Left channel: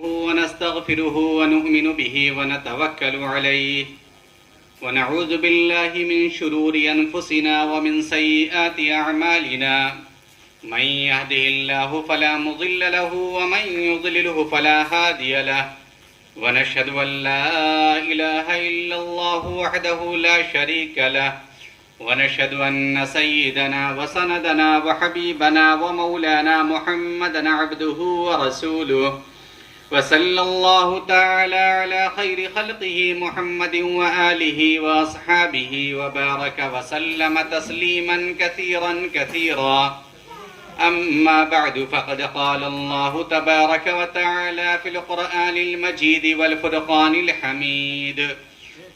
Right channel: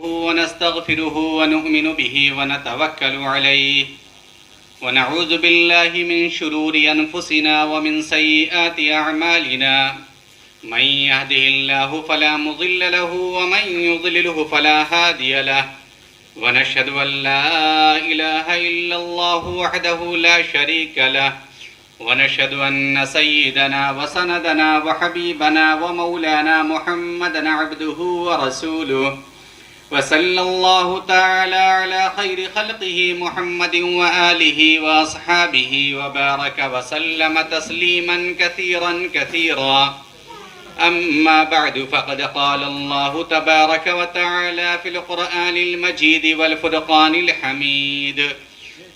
ونستغفره ونؤمن به ونتوكل عليه ونعوذ بالله من شرور أنفسنا ومن سيئات أعمالنا من يهده الله فلا مضل له ومن يضلله فلا هادي له ونشهد أن لا إله إلا الله وحده لا شريك له ونشهد أن سيدنا وسندنا وحبيبنا ومولانا محمدا عبده ورسوله وصلى الله تعالى على خير خلقه محمد وآله وأصحابه وبارك وسلم تسليما كثيرا كثيرا أما بعد فقد قال الله تبارك وتعالى في القرآن المجيد والفرقان الحميد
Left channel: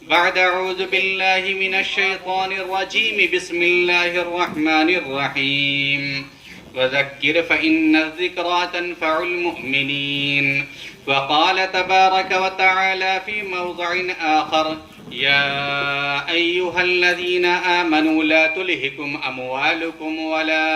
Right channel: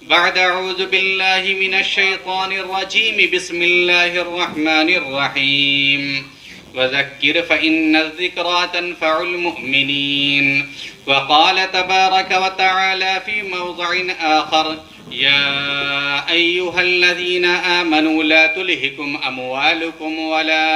بعد أعوذ بالله من الشيطان الرجيم بسم الله الرحمن الرحيم وذكر فإن الذكرى تنفع المؤمنين وقال تبارك وتعالى في موضع آخر يا أيها الذين آمنوا لا تلهكم أموالكم ولا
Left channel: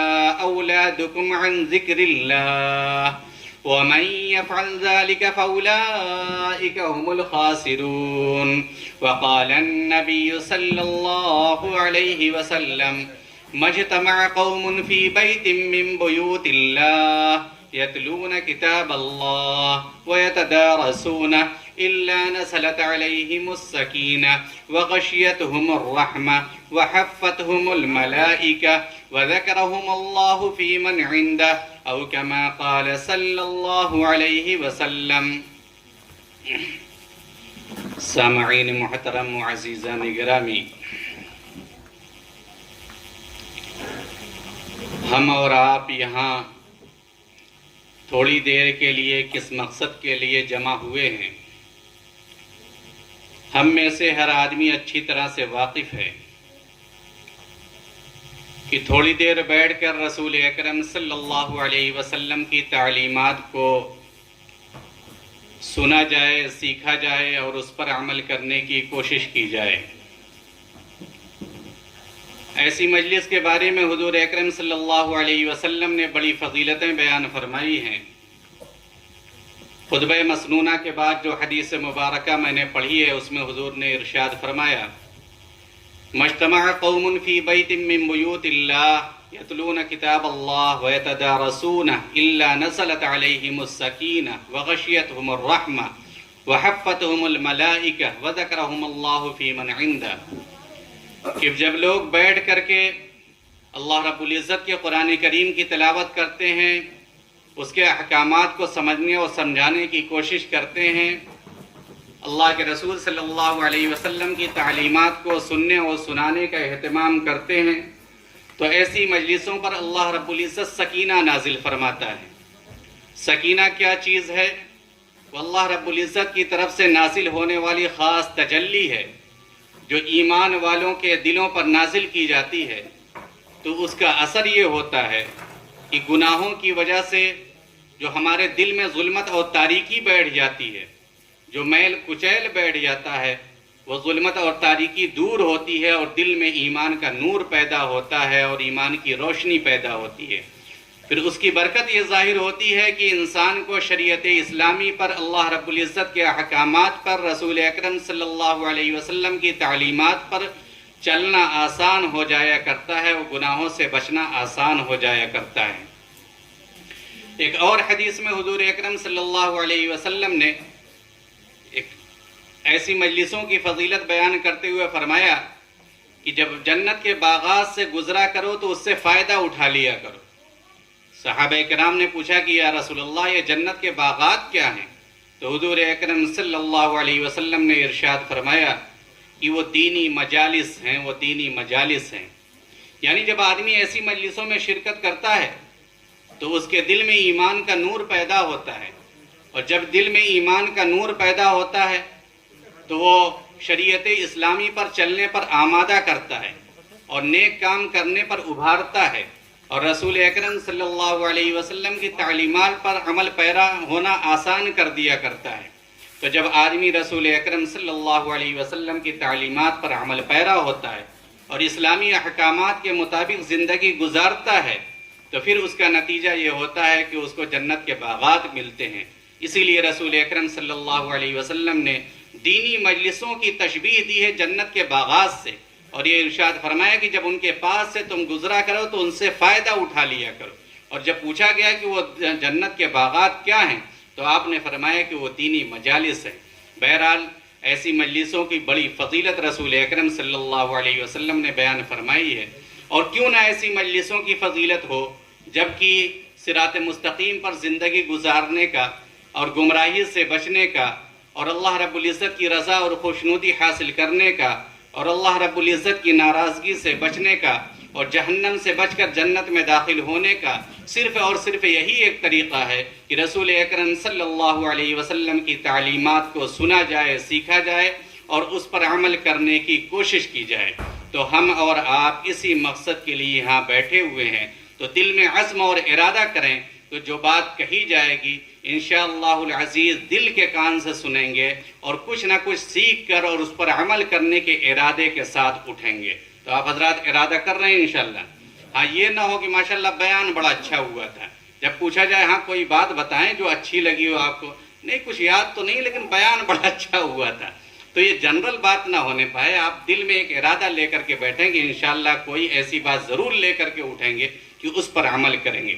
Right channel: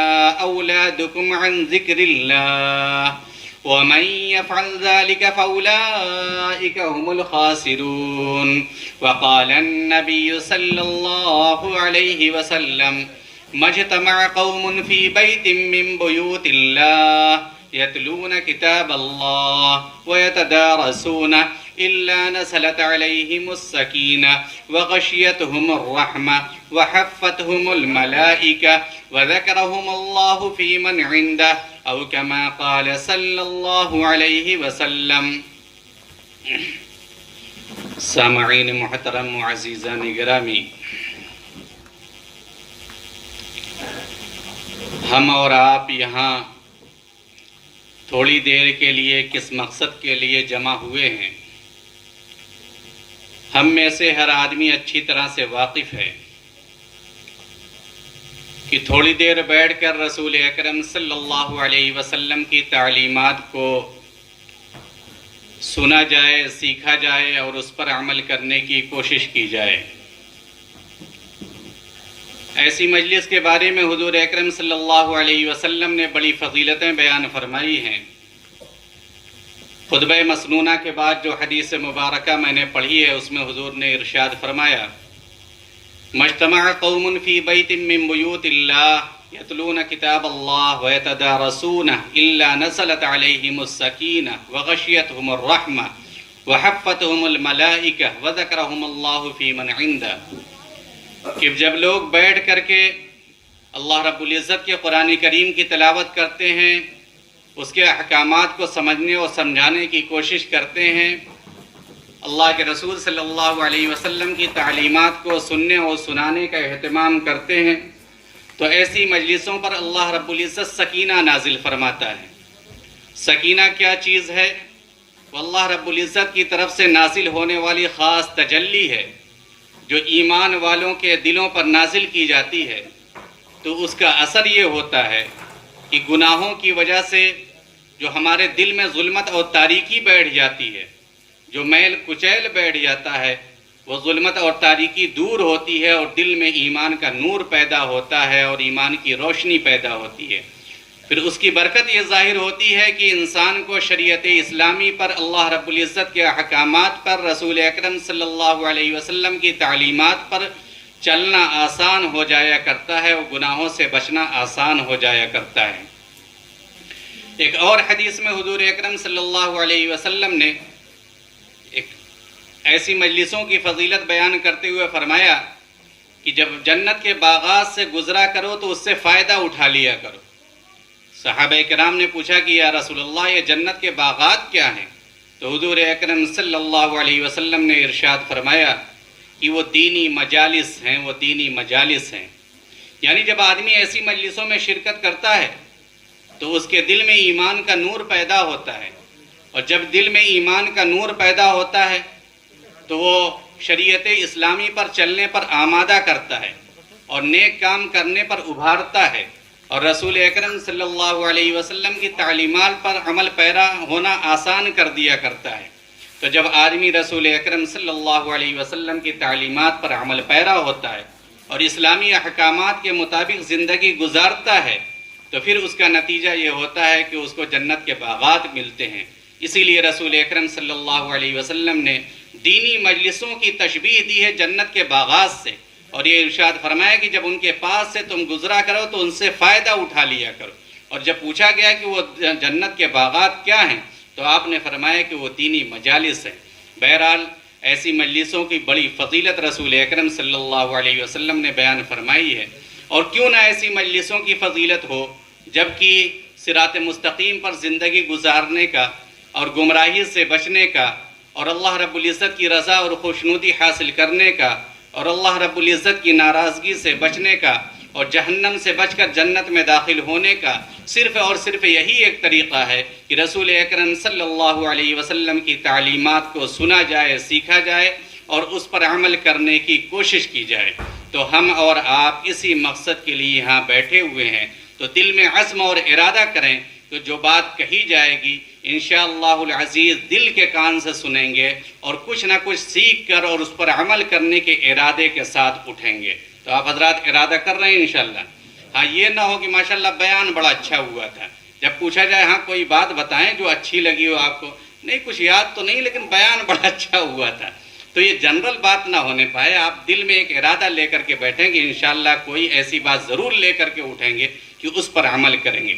أولادكم عن ذكر الله ومن يفعل ذلك فأولئك هم الخاسرون وقال النبي صلى الله عليه وسلم ما اجتمع قوم في بيت من بيوت الله يتلون كتاب الله ويتدارسونه إلا نزلت عليهم السكينة وغشيتهم الرحمة وحفتهم الملائكة وذكرهم الله في من عنده أو كما قال صلى الله عليه وسلم. سامعین محترم و عزیزان گرامی، ہم اور آپ یہاں تھوڑی دیر کے لیے کس مقصد کے لیے جمع ہوئے ہیں؟ ہم میں سے ہر آدمی اچھی طرح سے واقف ہے کہ تھوڑی دیر بیٹھ کر رسول اکرم صلی اللہ علیہ وسلم کی تعلیمات کو سنا جائے، سیکھا جائے اور اس پر عمل کرنے کی کوشش کی جائے۔ ایسی مجلس کے بارے میں حضور اکرم صلی اللہ علیہ وسلم نے بڑی فضیلتیں بیان فرمائی ہیں۔ خطبہ مسنونہ کے بعد جو حدیث مبارکہ میں نے پڑھی ہے، اس میں حضور نے ارشاد فرمایا مجتمع قوم فی بیت من بیوت اللہ یتلون کتاب اللہ ویتدارسونہ الا نزلت علیہم السکینہ وغشیتہم الرحمہ وحفتہم الملائکہ وذکرہم اللہ فی من عندہ، کہ جب لوگ بیٹھ کر کے اللہ رب العزت کے قرآن کریم کی تلاوت کرتے ہیں، اس کے احکامات کو سمجھنے اور سمجھانے کی کوشش کرتے ہیں، اللہ کے رسول صلی اللہ علیہ وسلم کی تعلیمات کو سننے اور سنانے کا اہتمام کرتے ہیں، تو ایسی مجلسوں پر اللہ رب العزت سکینہ نازل فرماتا ہے۔ سکینہ کیا چیز ہے؟ وہ اللہ رب العزت کی طرف سے نازل ہونے والی خاص تجلی ہے جو ایمان والوں کے دلوں پر نازل کی جاتی ہے، تو اس کا اثر یہ ہوتا ہے کہ گناہوں کی وجہ سے جو ہمارے دل میں ظلمت اور تاریکی بیٹھ جاتی ہے، جو میل کچیل بیٹھ جاتا ہے، وہ ظلمت اور تاریکی دور ہوتی ہے اور دل میں ایمان کا نور پیدا ہوتا ہے اور ایمان کی روشنی پیدا ہوتی ہے۔ پھر اس کی برکت یہ ظاہر ہوتی ہے کہ انسان کو شریعت اسلامی پر، اللہ رب العزت کے احکامات پر، رسول اکرم صلی اللہ علیہ وسلم کی تعلیمات پر چلنا آسان ہو جایا کرتا ہے اور گناہوں سے بچنا آسان ہو جایا کرتا ہے۔ ایک اور حدیث میں حضور اکرم صلی اللہ علیہ وسلم نے ایک ایسی مجلسوں کی فضیلت بیان کرتے ہوئے فرمایا کہ جب جنت کے باغات سے گزرا کرو تو اس سے فائدہ اٹھا لیا کرو۔ صحابہ کرام نے پوچھا کہ یا رسول اللہ یہ جنت کے باغات کیا ہیں؟ تو حضور اکرم صلی اللہ علیہ وسلم نے ارشاد فرمایا کہ وہ دینی مجالس ہیں، وہ دینی مجالس ہیں۔ یعنی جب آدمی ایسی مجلسوں میں شرکت کرتا ہے تو اس کے دل میں ایمان کا نور پیدا ہوتا ہے، اور جب دل میں ایمان کا نور پیدا ہوتا ہے تو وہ شریعت اسلامی پر چلنے پر آمادہ کرتا ہے اور نیک کام کرنے پر ابھارتا ہے، اور رسول اکرم صلی اللہ علیہ وسلم کی تعلیمات پر عمل پیرا ہونا آسان کر دیا کرتا ہے۔ تو جب آدمی رسول اکرم صلی اللہ علیہ وسلم کی تعلیمات پر عمل پیرا ہوتا ہے اور اسلامی احکامات کے مطابق زندگی گزارتا ہے، تو پھر اس کا نتیجہ یہ ہوتا ہے کہ اس کو جنت کے باغات ملتے ہیں۔ اسی لیے رسول اکرم صلی اللہ علیہ وسلم نے دینی مجلسوں کی تشبیہ دی ہے جنت کے باغات سے، اور یہ ارشاد فرمایا کہ جب ان کے پاس سے تم گزرا کرو تو ان سے فائدہ اٹھا لیا کرو۔ اور جب پوچھا گیا کہ وہ جنت کے باغات کیا ہیں تو آپ نے فرمایا کہ وہ دینی مجالس ہیں۔ بہرحال ایسی مجلسوں کی بڑی فضیلت رسول اکرم صلی اللہ علیہ وسلم نے بیان فرمائی ہے، اور کیوں نہ ایسی مجلسوں کی فضیلت ہو جبکہ صراط مستقیم پر زندگی گزارنے کا اور گمراہی سے بچنے کا اور اللہ رب العزت کی رضا اور خوشنودی حاصل کرنے کا اور اللہ رب العزت کی ناراضگی سے بچنے کا اور جہنم سے بچ کر جنت میں داخل ہونے کا صرف اور صرف یہی ایک طریقہ ہے کہ رسول اکرم صلی اللہ علیہ وسلم کی تعلیمات کو سنا جائے، سیکھا جائے اور اس پر عمل کرنے کی کوشش کی جائے۔ تو ہم اور آپ اسی مقصد کے لیے یہاں بیٹھے ہوئے ہیں، تو دل میں عزم اور ارادہ کریں تو جو بات کہی جائے گی انشاءاللہ العزیز دل کے کان سے سنیں گے اور کچھ نہ کچھ سیکھ کر اور اس پر عمل کرنے کے ارادے کے ساتھ اٹھیں گے۔ تو آپ حضرات ارادہ کر رہے ہیں انشاءاللہ؟ ہاں، یہ نہ ہو کہ ماشاءاللہ بیان بڑا اچھا ہوا تھا، جب پوچھا جائے ہاں کوئی بات بتائیں جو اچھی لگی ہو آپ کو، نہیں کچھ یاد تو نہیں لیکن بیان بڑا اچھا ہوا تھا، تو یہ جنرل بات نہ ہونے پائے۔ آپ دل میں ایک ارادہ لے کر کے بیٹھیں گے، انشاءاللہ کوئی ایسی بات ضرور لے کر کے اٹھیں گے کہ اس پر عمل کریں گے۔